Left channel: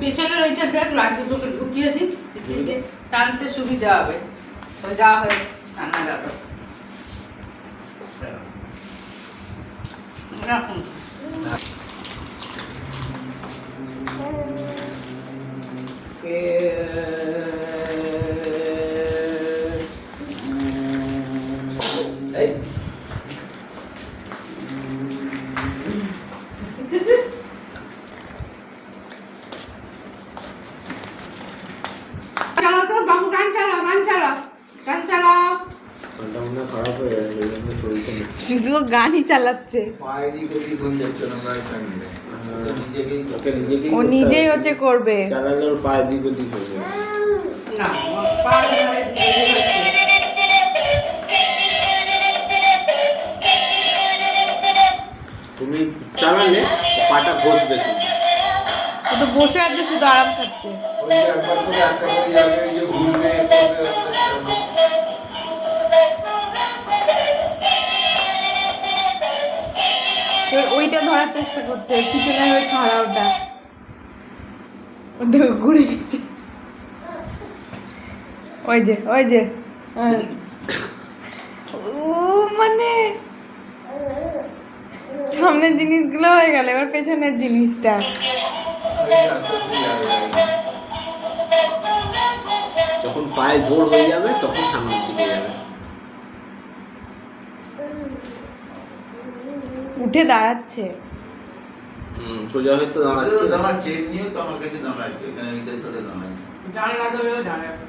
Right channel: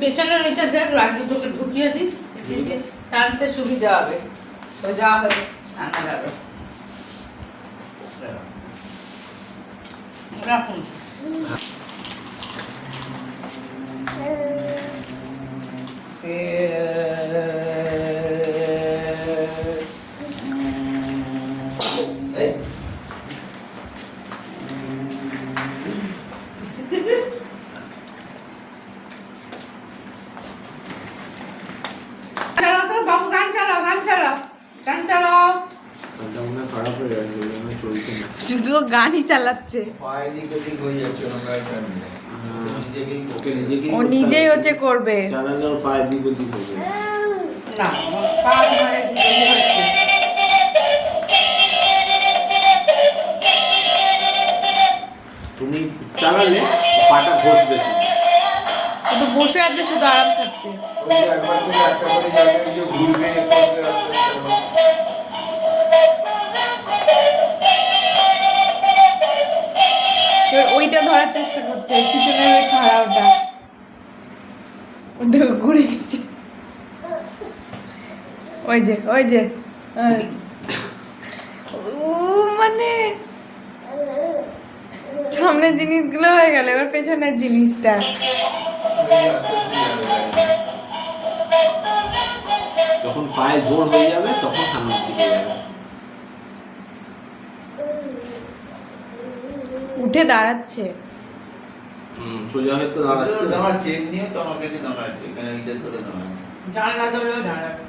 পেছনের ওইটা দেখ লাঠি চোখে ঢুকিয়ে দিই, টানতে সুবিধা হবে। সোজা হয়ে টানা গেল। রাখুন। বাবু গান চালাও, গান চালাও, গান চালাও। খারাপ হয়ে যাচ্ছে, চলছে না। শুধু গানই চালাচ্ছে। ও নিজেই হচ্ছে করবে। চালালে ওর পায়ে দিক ওদিক হয়ে যাবে। না, পা ধরে দিয়ে হচ্ছে। তুমি চালালে পাটা ঘষবে শুধু। ও তো বসে আছে, শুধু আরাম খাচ্ছে। এবার ওইটা ধরার চেষ্টা করছে, পিছনের ওই খাড়া ওটা দেখো ঘুরে গেছে। ওই যে ওই যে ও মানে সামনের জিনিসগুলো হয়ে গেল, এবার পেছনের জিনিসটা। যখন পায়ে জোর হয়ে যাবে তখন সামনের দিকে যাবে। উঠে দাঁড়াচ্ছে। সোজা হয়ে তো দাঁড়াচ্ছে। দাঁড়াচ্ছে এমনিও তো আমার কাছে দাঁড়াচ্ছে, এখানে এইটা ধরে দাঁড়াচ্ছে। জানলা ধরেও দাঁড়াবে।